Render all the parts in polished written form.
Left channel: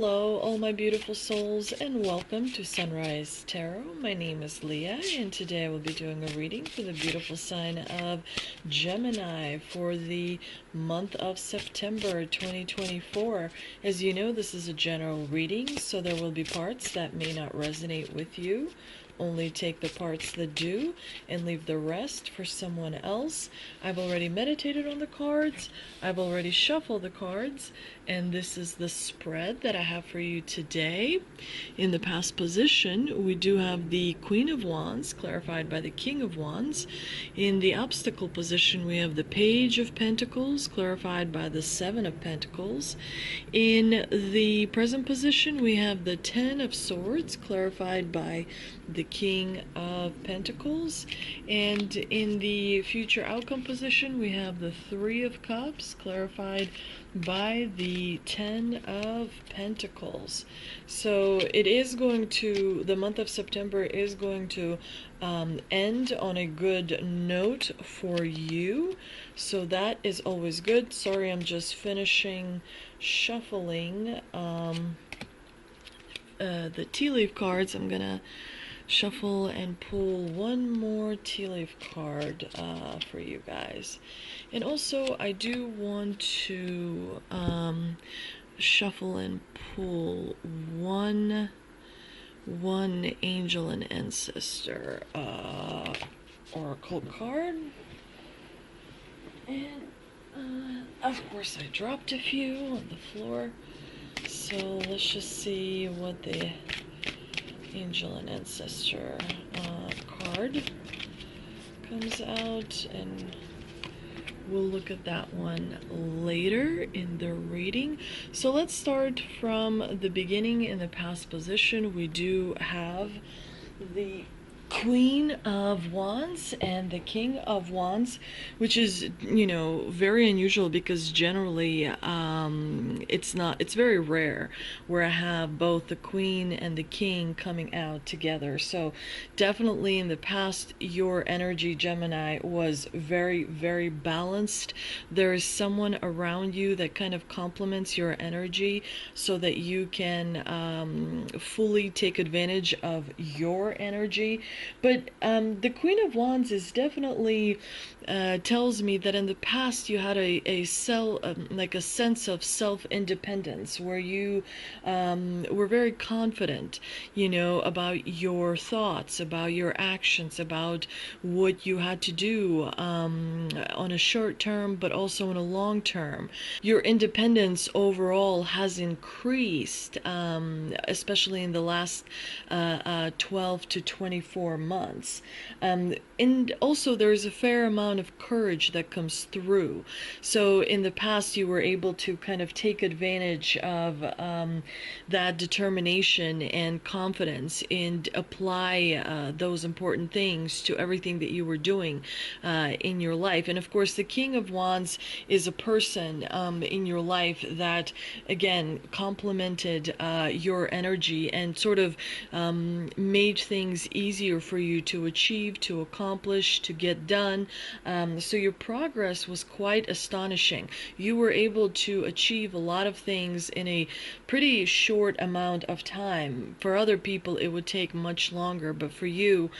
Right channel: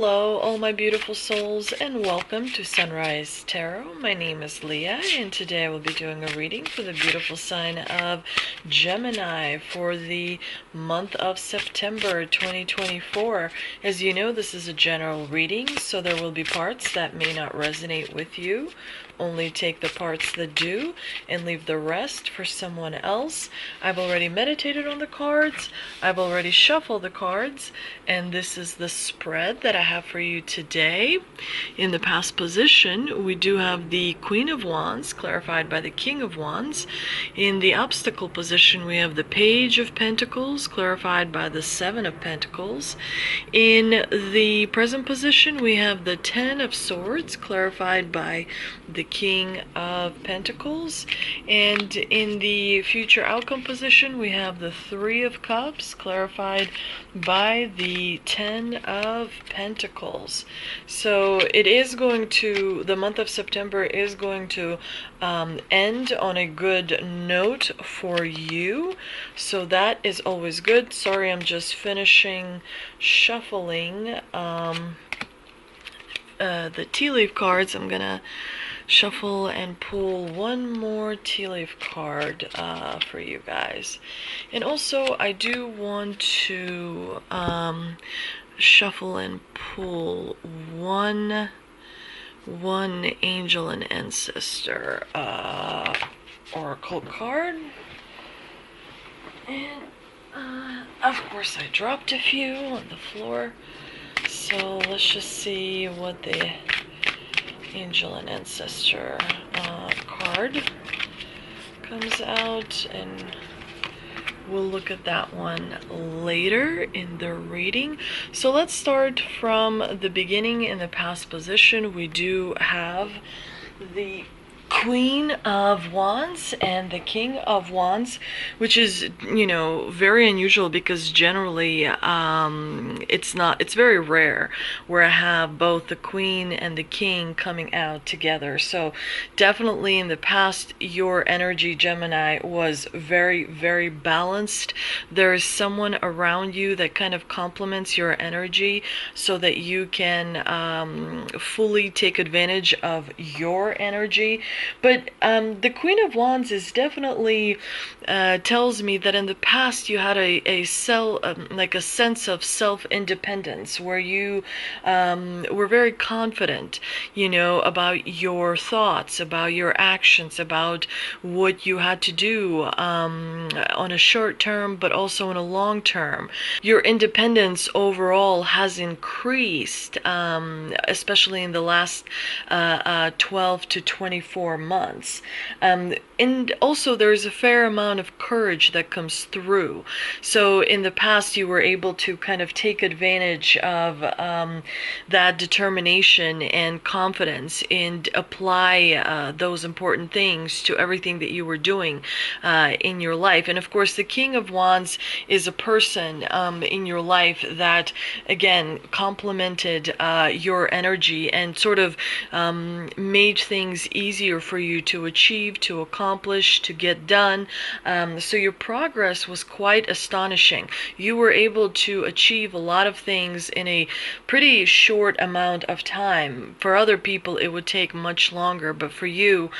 Hello, all my beautiful souls, and welcome to Sunrise Tarot. My name is Leah, and today I will be doing a reading for the beautiful sign of Gemini for the month of September 2024. As you know, this is a general reading, so there will be parts that may not resonate with you. Only take the parts that do and leave the rest for someone else. I've already meditated on the cards. I've already shuffled the cards, and this is the spread that I have for you today. In the past position, we do have the Queen of Wands clarified by the King of Wands. In the obstacle position, we have the Page of Pentacles clarified by the Seven of Pentacles. In the present position, we have the Ten of Swords clarified by the King of Pentacles. And in the future outcome position, we have the Three of Cups clarified by the Ten of Pentacles. So it is going to, the month of September is going to end on a good note for you. So that is always good. Sorry, I'm just finishing shuffling the tea leaf cards. I'm gonna shuffle and pull one more tea leaf card for you guys. And also I do want to shuffle and pull one angel and ancestor oracle card. And of course I dropped a few on the floor, so let's just see what the angel and ancestor card comes out, and we'll look at that one later in the reading. So let's start from the beginning. In the past position, we do have the Queen of Wands and the King of Wands, which is, you know, very unusual because generally it's very rare where I have both the Queen and the King coming out together. So definitely in the past, your energy, Gemini, was very, very balanced. There is someone around you that kind of complements your energy so that you can fully take advantage of your energy. But the Queen of Wands is definitely tells me that in the past you had a sense of self-independence where you were very confident, you know, about your thoughts, about your actions, about what you had to do on a short term, but also in a long term. Your independence overall has increased, especially in the last 12 to 24 months. And also there's a fair amount of courage that comes through. So in the past you were able to kind of take advantage of that determination and confidence and apply those important things to everything that you were doing in your life. And of course the King of Wands is a person in your life that again complemented your energy and sort of made things easier for you to achieve, to accomplish, to get done. So your progress was quite astonishing. You were able to achieve a lot of things in a pretty short amount of time. For other people it would take much longer, but for you,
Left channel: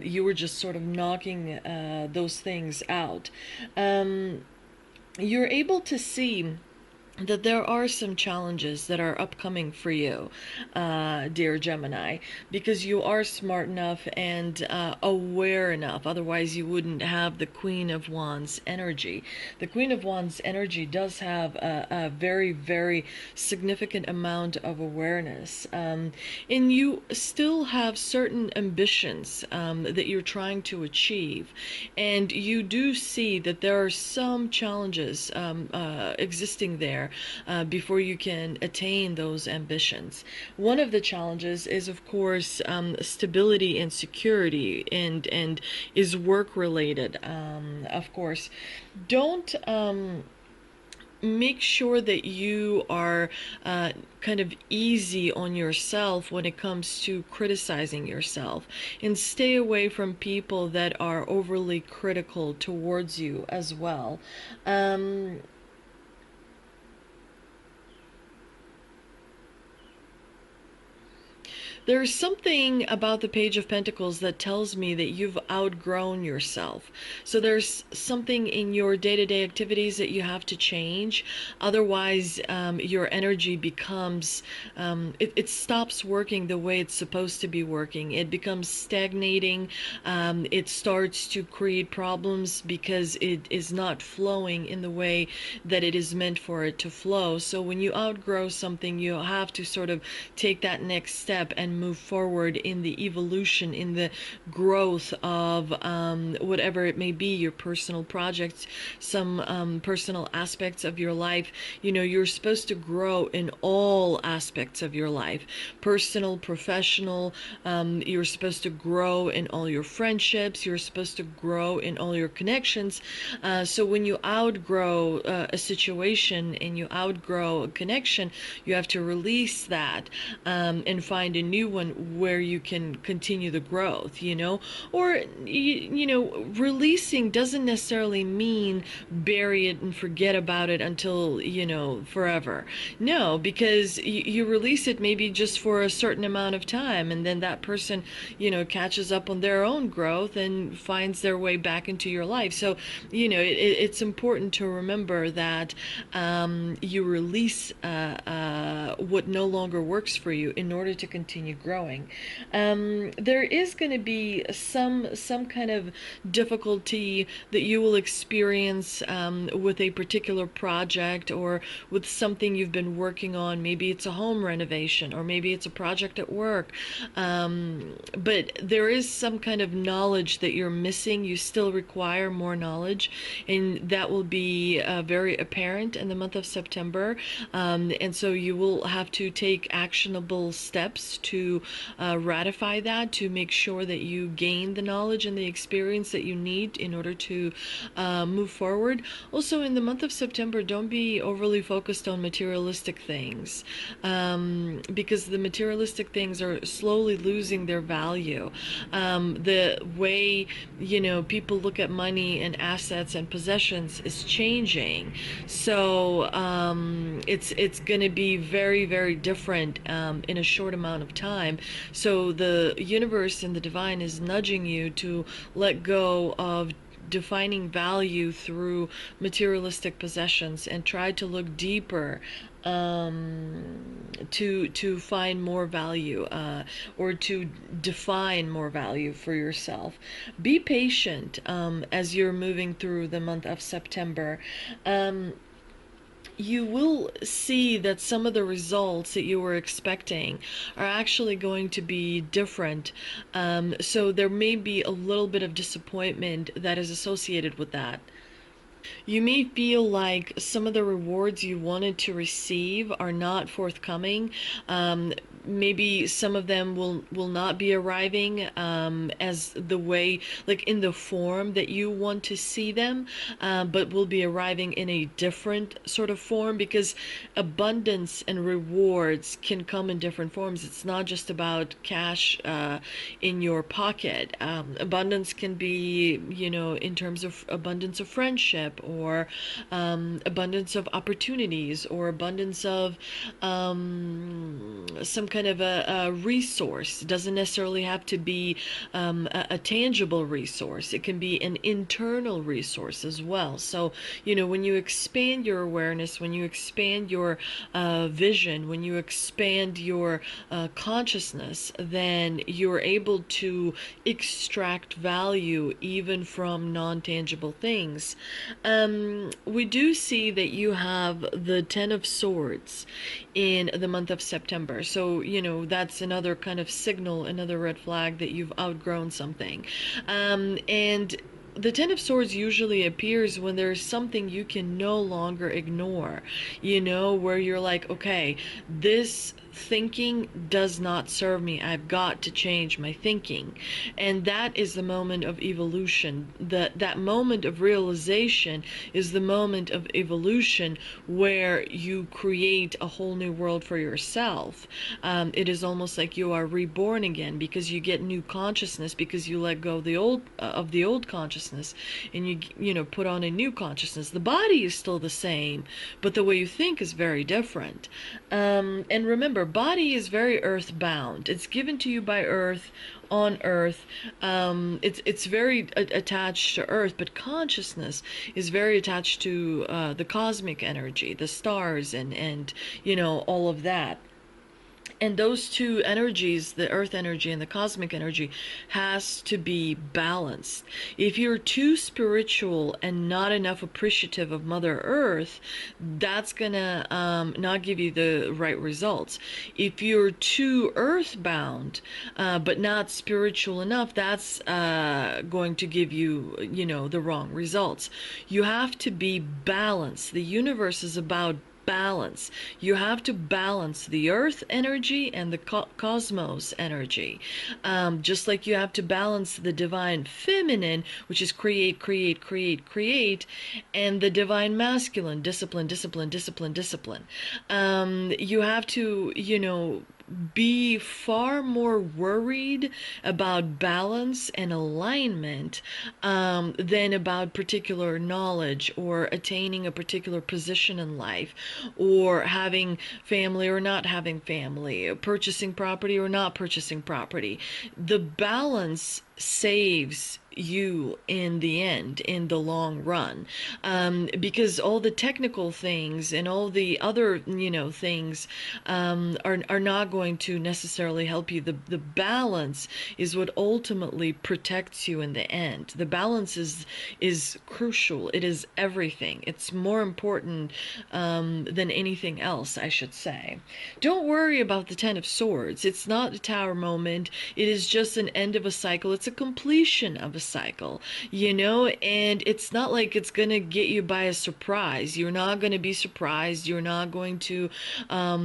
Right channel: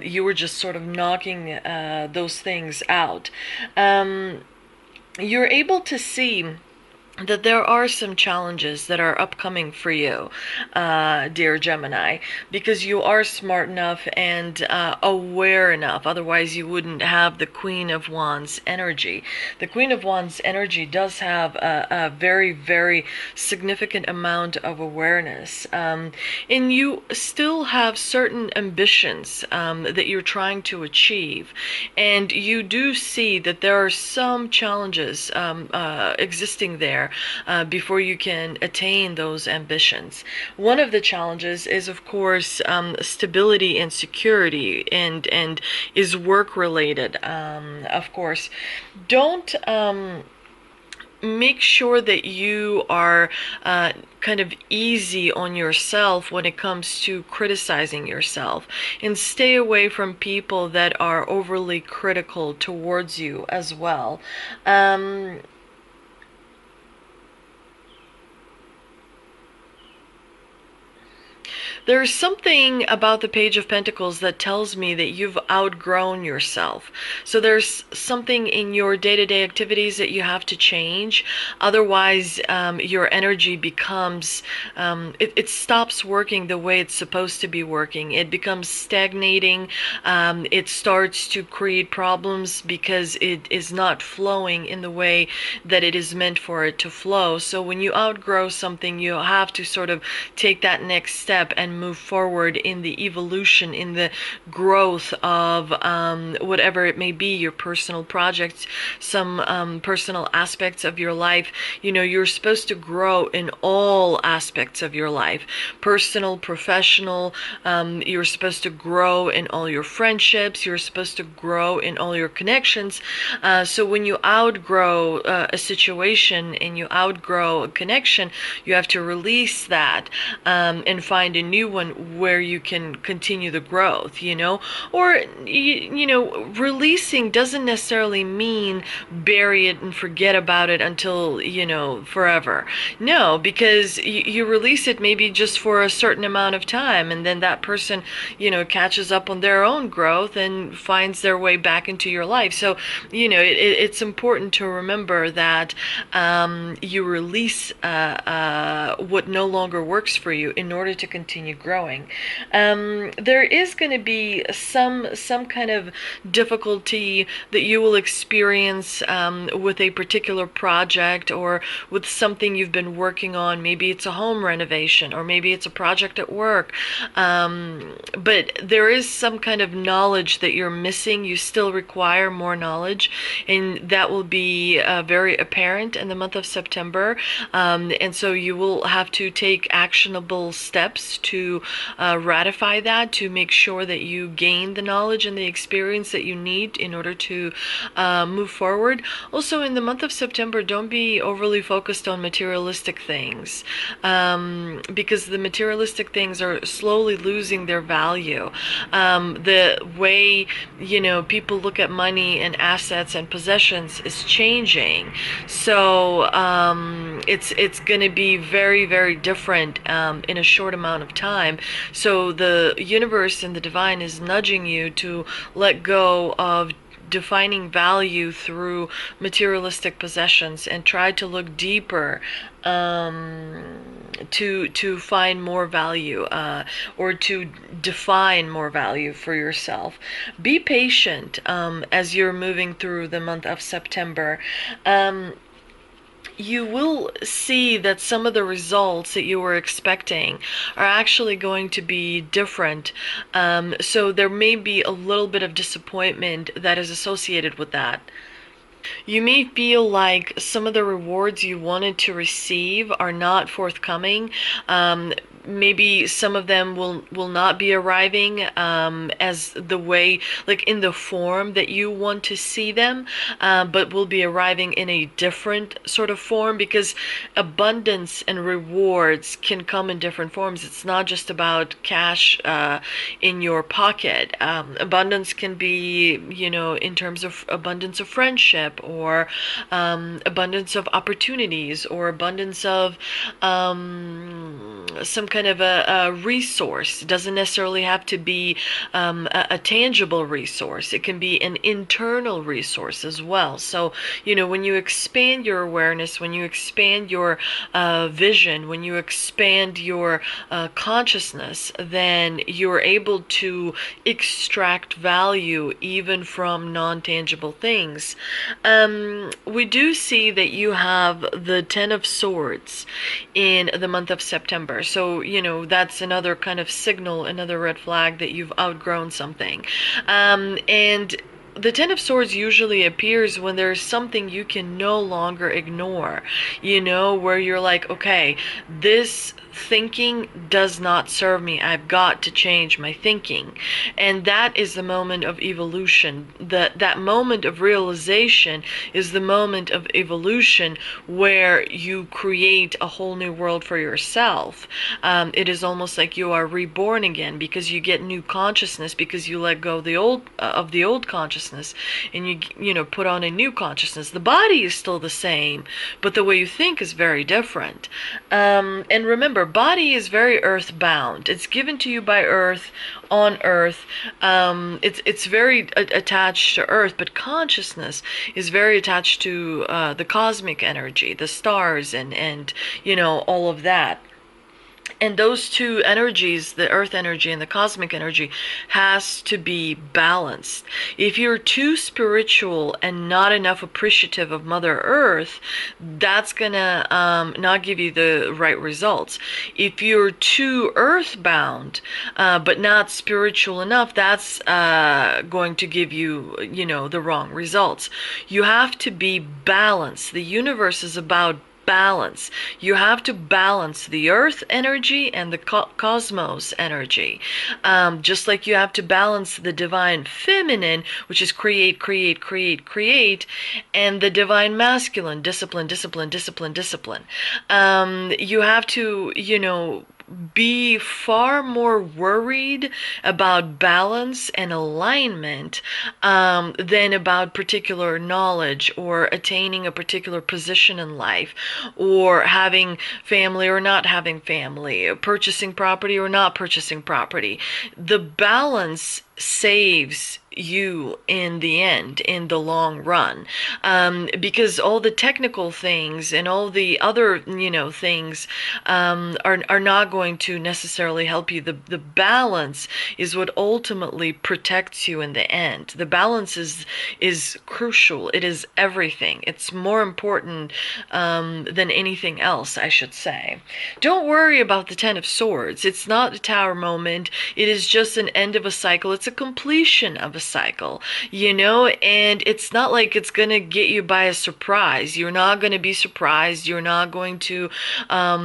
you were just sort of knocking those things out. You're able to see that there are some challenges that are upcoming for you, dear Gemini, because you are smart enough and aware enough. Otherwise, you wouldn't have the Queen of Wands energy. The Queen of Wands energy does have a very, very significant amount of awareness. And you still have certain ambitions that you're trying to achieve. And you do see that there are some challenges existing there before you can attain those ambitions. One of the challenges is, of course, stability and security, and is work related. Of course, don't make sure that you are kind of easy on yourself when it comes to criticizing yourself, and stay away from people that are overly critical towards you as well. There's something about the Page of Pentacles that tells me that you've outgrown yourself. So there's something in your day-to-day activities that you have to change. Otherwise, your energy becomes, it stops working the way it's supposed to be working. It becomes stagnating. It starts to create problems because it is not flowing in the way that it is meant for it to flow. So when you outgrow something, you have to sort of take that next step and move forward in the evolution, in the growth of whatever it may be, your personal projects, some personal aspects of your life. You know, you're supposed to grow in all aspects of your life, personal, professional. You're supposed to grow in all your friendships. You're supposed to grow in all your connections. So when you outgrow a situation and you outgrow a connection, you have to release that and find a new one where you can continue the growth, you know? Or, you know, releasing doesn't necessarily mean bury it and forget about it until, you know, forever. No, because you release it maybe just for a certain amount of time, and then that person, you know, catches up on their own growth and finds their way back into your life. So, you know, it's important to remember that you release what no longer works for you in order to continue growing. There is going to be some kind of difficulty that you will experience with a particular project or with something you've been working on. Maybe it's a home renovation, or maybe it's a project at work. But there is some kind of knowledge that you're missing. You still require more knowledge, and that will be very apparent in the month of September. And so you will have to take actionable steps to ratify that, to make sure that you gain the knowledge and the experience that you need in order to move forward. Also, in the month of September, don't be overly focused on materialistic things, because the materialistic things are slowly losing their value. The way, you know, people look at money and assets and possessions is changing. So it's going to be very, very different in a short amount of time. So the universe and the divine is nudging you to let go of defining value through materialistic possessions and try to look deeper to find more value, or to define more value for yourself. Be patient as you're moving through the month of September. You will see that some of the results that you were expecting are actually going to be different. So there may be a little bit of disappointment that is associated with that. You may feel like some of the rewards you wanted to receive are not forthcoming. Maybe some of them will not be arriving as the way, like in the form that you want to see them, but will be arriving in a different sort of form, because abundance and rewards can come in different forms. It's not just about cash in your pocket. Abundance can be, you know, in terms of abundance of friendship, or abundance of opportunities, or abundance of some kind of a resource. It doesn't necessarily have to be a tangible resource. It can be an internal resource as well. So, you know, when you expand your awareness, when you expand your vision, when you expand your consciousness, then you're able to extract value even from non-tangible things. We do see that you have the Ten of Swords in the month of September. So, you know, that's another kind of signal, another red flag that you've outgrown something. And the Ten of Swords usually appears when there's something you can no longer ignore, you know, where you're like, okay, this thinking does not serve me. I've got to change my thinking. And that is the moment of evolution. That moment of realization is the moment of evolution where you create a whole new world for yourself. It is almost like you are reborn again, because you get new consciousness, because you let go of the old consciousness, and you know, put on a new consciousness. The body is still the same, but the way you think is very different. And remember, Your body is very earthbound. It's given to you by Earth, on Earth. It's very attached to Earth, but consciousness is very attached to the cosmic energy, the stars, and all of that. And those two energies, the earth energy and the cosmic energy, has to be balanced. If you're too spiritual and not enough appreciative of Mother Earth, that's gonna not give you the right results. If you're too earthbound but not spiritual enough, that's going to give you, the wrong results. You have to be balanced. The universe is about balance. You have to balance the earth energy and the cosmos energy. Just like you have to balance the divine feminine, which is create, create, create, create, and the divine masculine, discipline, discipline, discipline, discipline. You have to, be far more worried about balance and alignment than about particular knowledge or attaining a particular position in life, or having family or not having family, purchasing property or not purchasing property. The balance saves you in the end, in the long run, because all the technical things and all the other things are not going to necessarily help you. The balance is what ultimately protects you in the end. The balance is crucial. It is everything. It's more important than anything else, I should say. Don't worry about the Ten of Swords. It's not a tower moment. It is just an end of a cycle. It's a completion of a cycle, and it's not like it's going to get you by a surprise. You're not going to be surprised. You're not going to,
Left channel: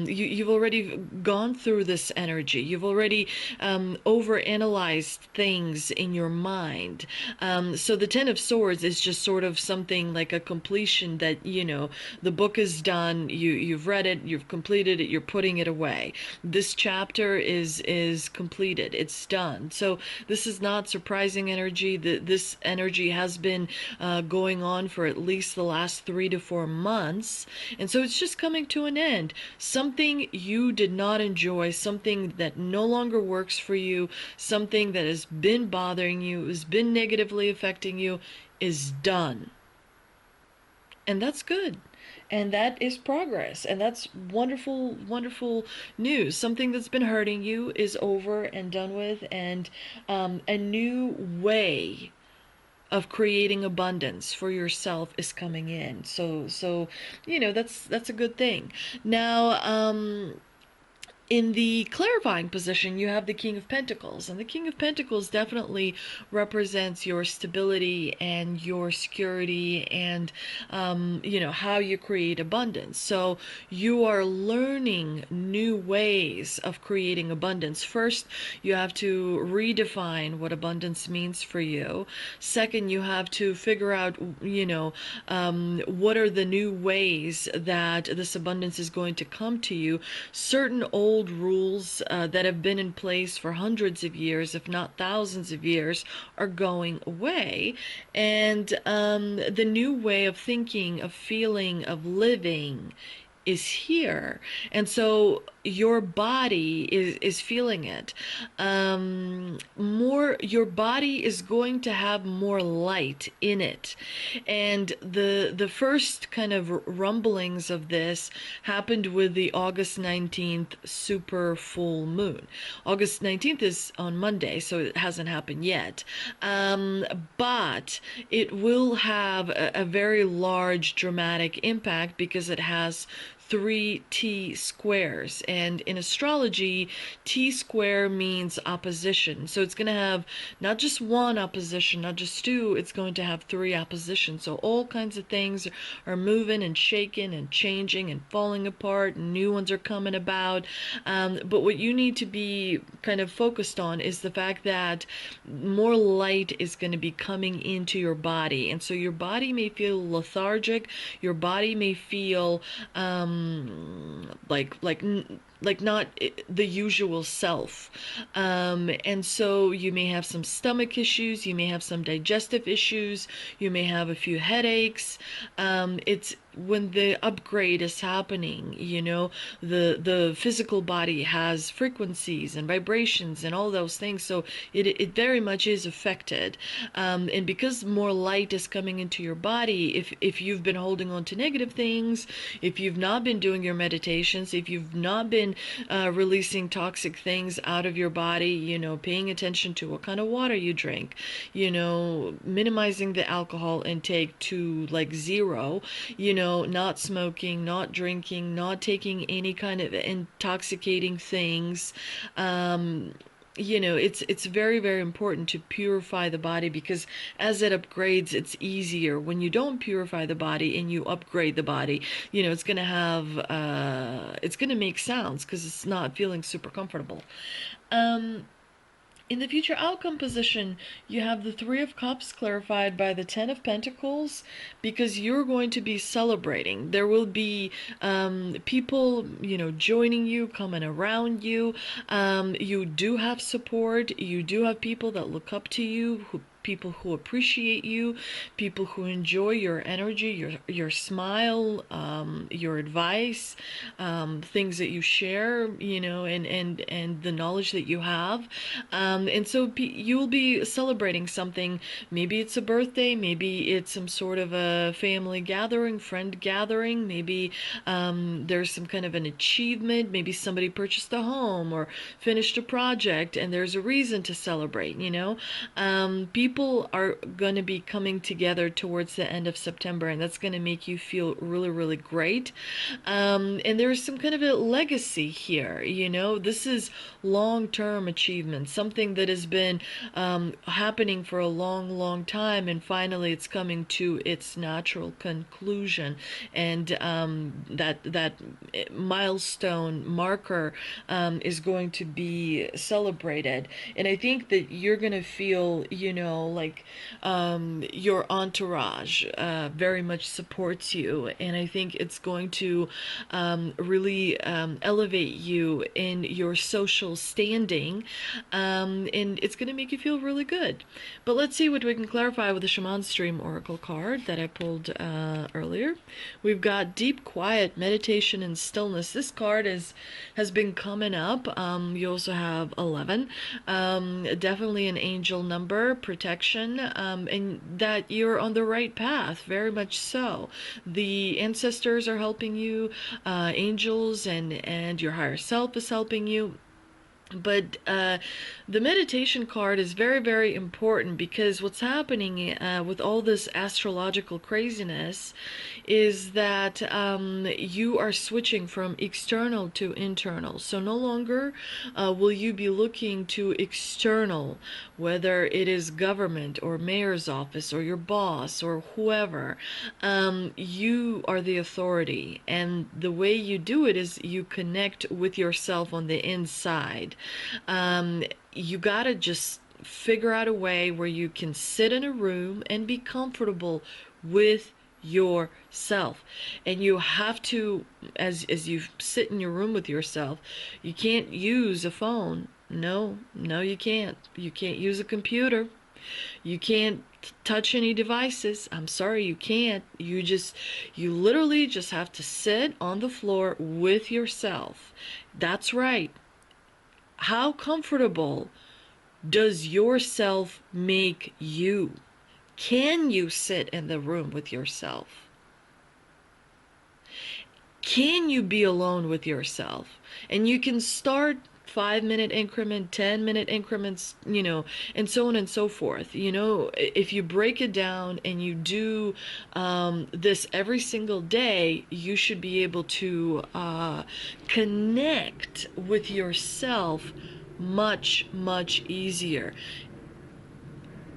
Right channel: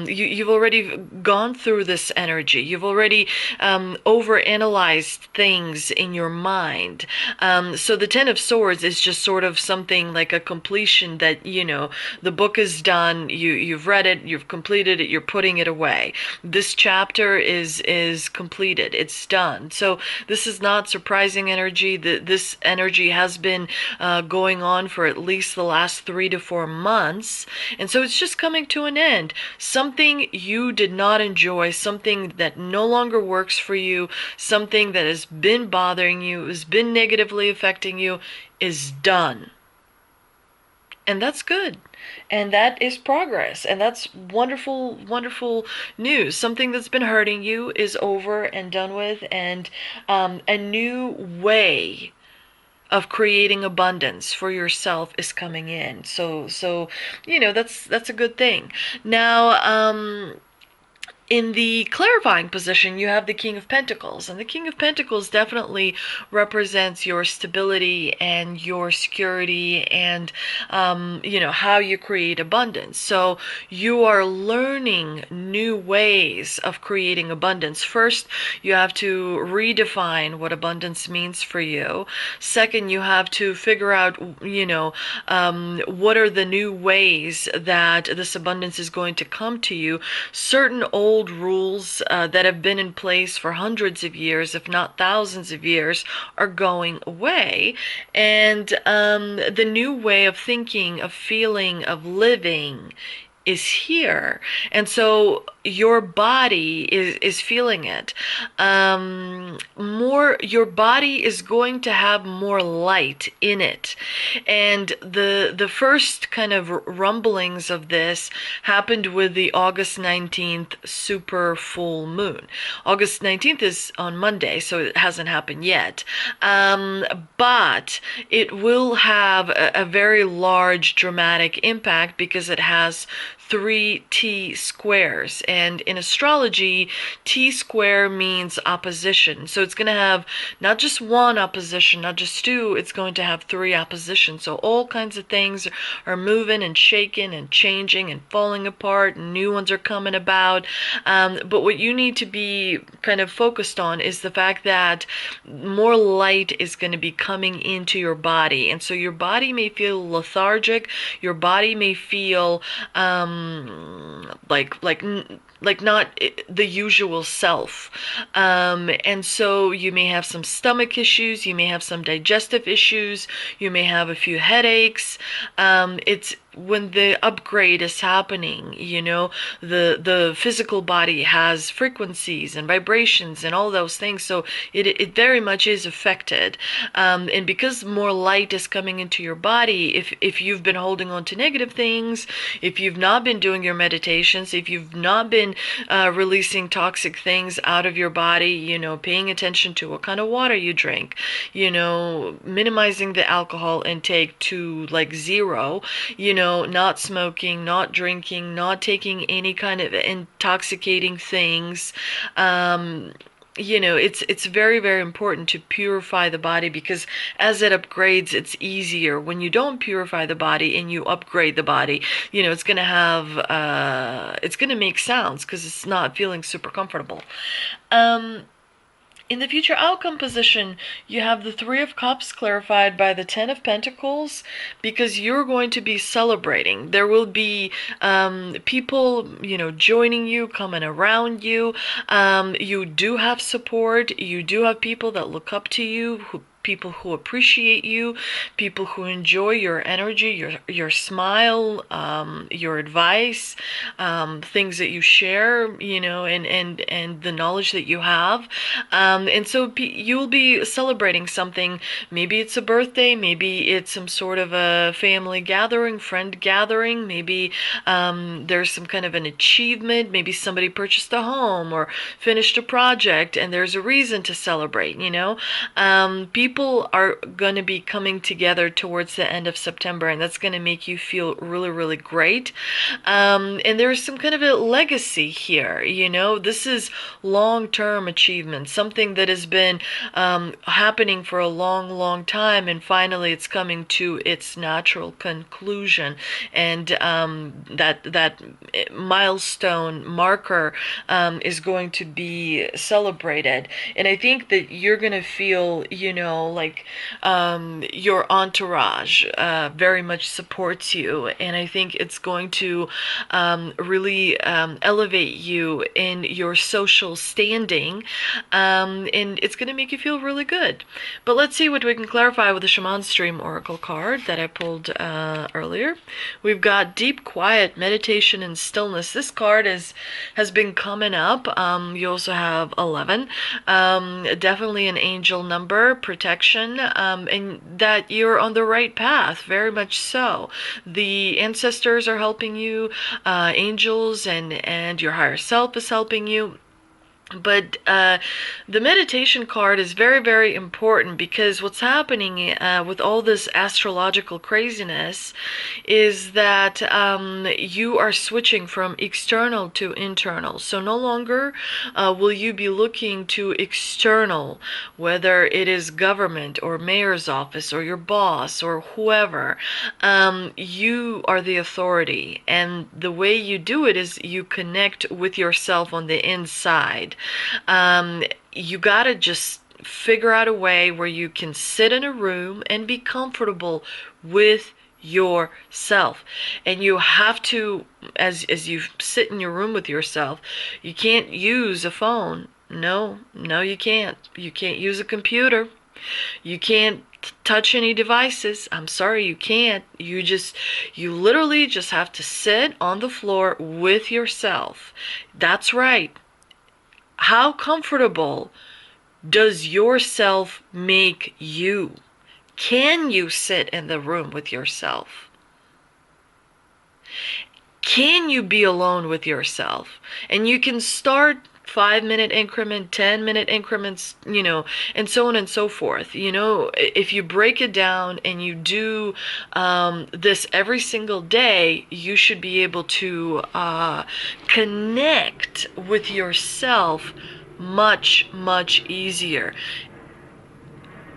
you've already gone through this energy. You've already overanalyzed things in your mind. So the Ten of Swords is just sort of something like a completion that, the book is done. You've read it, you've completed it, you're putting it away. This chapter is completed. It's done. So this is not surprising energy. This energy has been going on for at least the last 3 to 4 months, and so it's just coming to an end. Something you did not enjoy, something that no longer works for you, something that has been bothering you, has been negatively affecting you, is done. And that's good. And that is progress. And that's wonderful, wonderful news. Something that's been hurting you is over and done with, and a new way of creating abundance for yourself is coming in. So that's a good thing. Now, in the clarifying position, you have the King of Pentacles, and the King of Pentacles definitely represents your stability and your security and, how you create abundance. So you are learning new ways of creating abundance. First, you have to redefine what abundance means for you. Second, you have to figure out, what are the new ways that this abundance is going to come to you. Certain old rules that have been in place for hundreds of years, if not thousands of years, are going away, and the new way of thinking, of feeling, of living is here. And so your body is feeling it. Your body is going to have more light in it. And the first kind of rumblings of this happened with the August 19th super full moon. August 19th is on Monday, so it hasn't happened yet. But it will have a very large dramatic impact because it has 3 T squares, and in astrology, T square means opposition. So it's going to have not just one opposition, not just two, it's going to have 3 oppositions. So all kinds of things are moving and shaking and changing and falling apart, and new ones are coming about. But what you need to be kind of focused on is the fact that more light is going to be coming into your body, and so your body may feel lethargic, your body may feel like not the usual self, and so you may have some stomach issues, you may have some digestive issues, you may have a few headaches. It's when the upgrade is happening, the physical body has frequencies and vibrations and all those things, so it very much is affected. And because more light is coming into your body, if you've been holding on to negative things, if you've not been doing your meditations, if you've not been releasing toxic things out of your body, paying attention to what kind of water you drink, minimizing the alcohol intake to like zero, not smoking, not drinking, not taking any kind of intoxicating things. It's very, very important to purify the body, because as it upgrades, it's easier. When you don't purify the body and you upgrade the body, it's going to it's going to make sounds because it's not feeling super comfortable. In the future outcome position, you have the Three of Cups clarified by the Ten of Pentacles, because you're going to be celebrating. There will be people, joining you, coming around you. You do have support. You do have people that look up to you, people who appreciate you, people who enjoy your energy, your smile, your advice, things that you share, and the knowledge that you have. And so you'll be celebrating something. Maybe it's a birthday, maybe it's some sort of a family gathering, friend gathering, maybe there's some kind of an achievement, maybe somebody purchased a home or finished a project, and there's a reason to celebrate, people are going to be coming together towards the end of September, and that's going to make you feel really, really great. And there's some kind of a legacy here, this is long-term achievement, something that has been happening for a long, long time, and finally it's coming to its natural conclusion. And that milestone marker is going to be celebrated. And I think that you're going to feel, like your entourage very much supports you, and I think it's going to really elevate you in your social standing, and it's going to make you feel really good. But let's see what we can clarify with the Shaman Stream Oracle card that I pulled earlier. We've got Deep Quiet, Meditation, and Stillness. This card has been coming up. You also have 11, definitely an angel number, protection, and that you're on the right path, very much so. The ancestors are helping you, angels, and your higher self is helping you. But the meditation card is very, very important, because what's happening with all this astrological craziness is that you are switching from external to internal. So no longer will you be looking to external, whether it is government or mayor's office or your boss or whoever. You are the authority, and the way you do it is you connect with yourself on the inside. You gotta just figure out a way where you can sit in a room and be comfortable with yourself. And you have to, as you sit in your room with yourself, you can't use a phone. No, you can't. You can't use a computer. You can't touch any devices. I'm sorry, you can't. You literally just have to sit on the floor with yourself. That's right. How comfortable does yourself make you? Can you sit in the room with yourself? Can you be alone with yourself? And you can start 5-minute increment, 10-minute increments, and so on and so forth. If you break it down and you do this every single day, you should be able to connect with yourself much, much easier.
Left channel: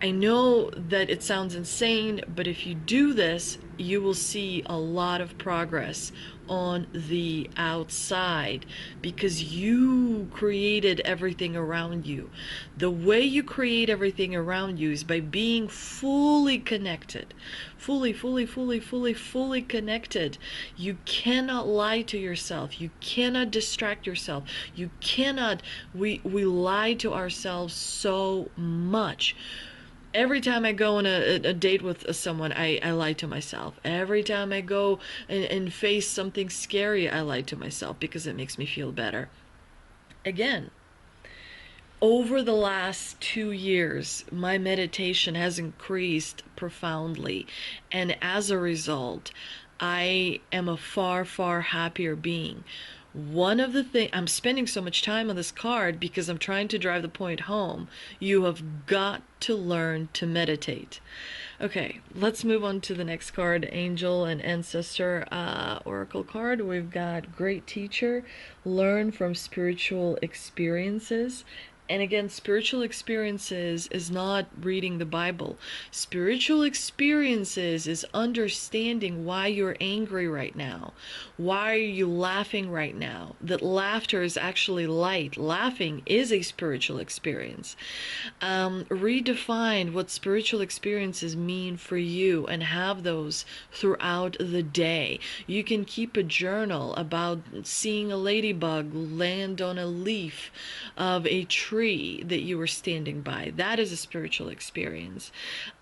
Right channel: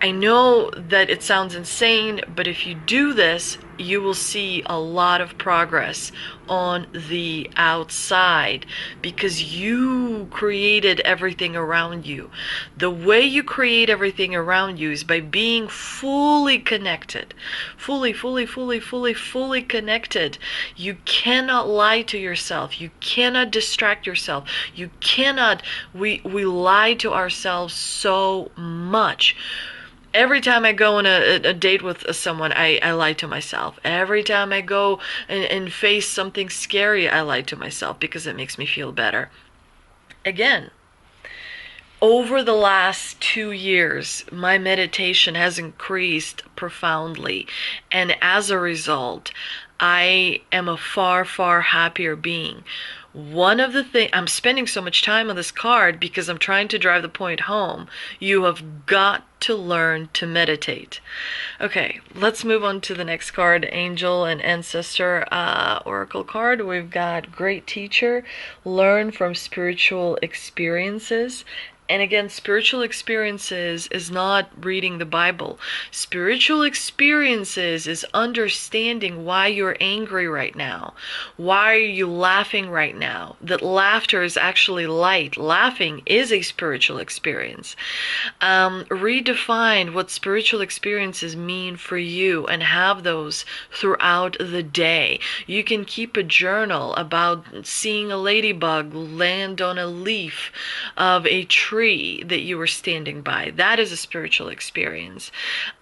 I know that it sounds insane, but if you do this, you will see a lot of progress on the outside, because you created everything around you. The way you create everything around you is by being fully connected. Fully connected. You cannot lie to yourself. You cannot distract yourself. You cannot, we lie to ourselves so much. Every time I go on a date with someone, I lie to myself. Every time I go and face something scary, I lie to myself because it makes me feel better. Again, over the last 2 years, my meditation has increased profoundly. And as a result, I am a far, far happier being. One of the things, I'm spending so much time on this card because I'm trying to drive the point home. You have got to learn to meditate. Okay, let's move on to the next card, Angel and Ancestor Oracle card. We've got Great Teacher, learn from spiritual experiences. And again, spiritual experiences is not reading the Bible. Spiritual experiences is understanding why you're angry right now. Why are you laughing right now? That laughter is actually light. Laughing is a spiritual experience. Redefine what spiritual experiences mean for you and have those throughout the day. You can keep a journal about seeing a ladybug land on a leaf of a tree that you were standing by. That is a spiritual experience.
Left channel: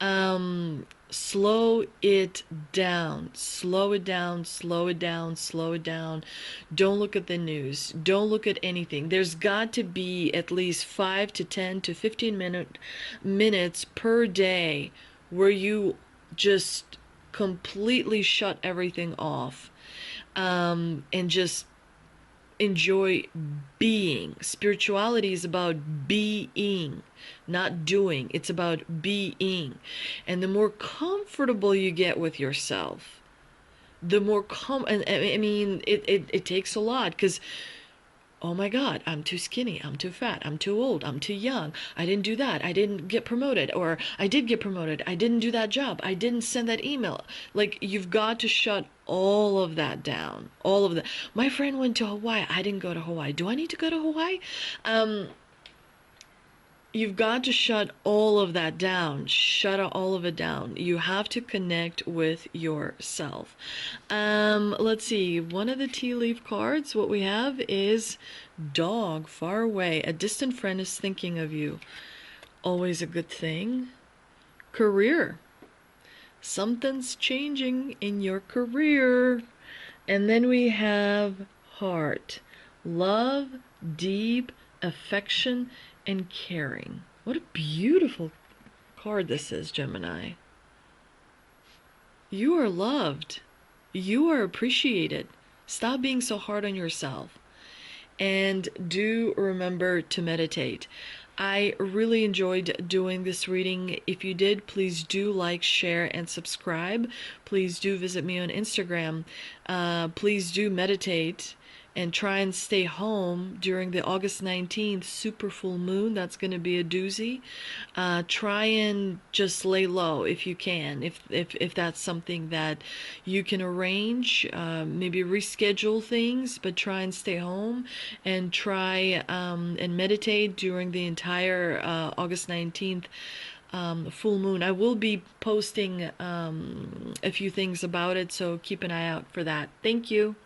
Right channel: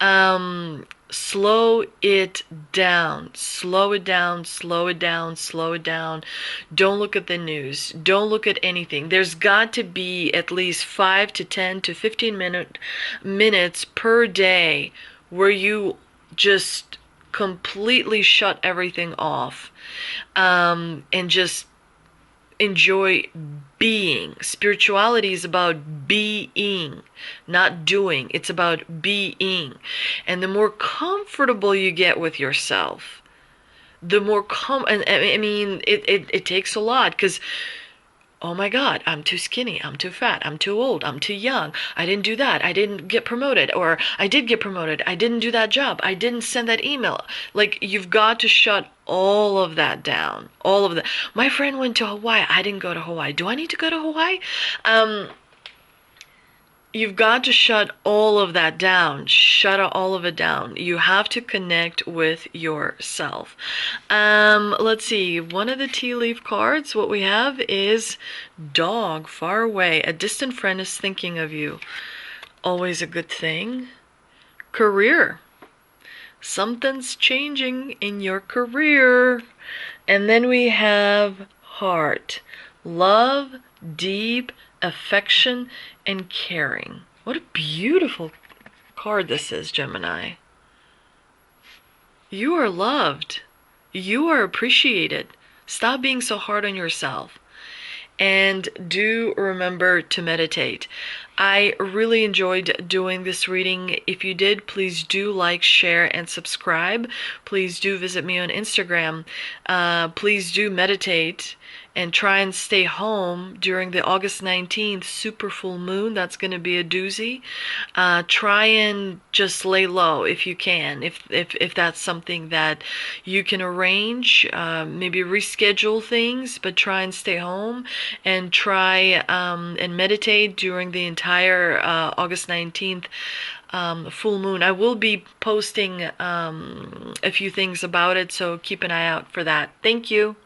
Slow it down. Slow it down, slow it down, slow it down. Don't look at the news. Don't look at anything. There's got to be at least 5 to 10 to 15 minutes per day where you just completely shut everything off, and just enjoy being. Spirituality is about being, not doing. It's about being. And the more comfortable you get with yourself, the more and I mean, it takes a lot, because oh my God, I'm too skinny, I'm too fat, I'm too old, I'm too young, I didn't do that, I didn't get promoted, or I did get promoted, I didn't do that job, I didn't send that email. Like, you've got to shut all of that down. All of that. My friend went to Hawaii, I didn't go to Hawaii. Do I need to go to Hawaii? You've got to shut all of that down. Shut all of it down. You have to connect with yourself. Let's see. One of the tea leaf cards, what we have is dog, far away. A distant friend is thinking of you. Always a good thing. Career. Something's changing in your career. And then we have heart. Love, deep affection, and caring. What a beautiful card this is, Gemini. You are loved. You are appreciated. Stop being so hard on yourself. And do remember to meditate. I really enjoyed doing this reading. If you did, please do like, share, and subscribe. Please do visit me on Instagram. Please do meditate and try and stay home during the August 19th super full moon. That's going to be a doozy. Try and just lay low if you can, if that's something that you can arrange. Maybe reschedule things, but try and stay home and try and meditate during the entire August 19th full moon. I will be posting a few things about it, so keep an eye out for that. Thank you.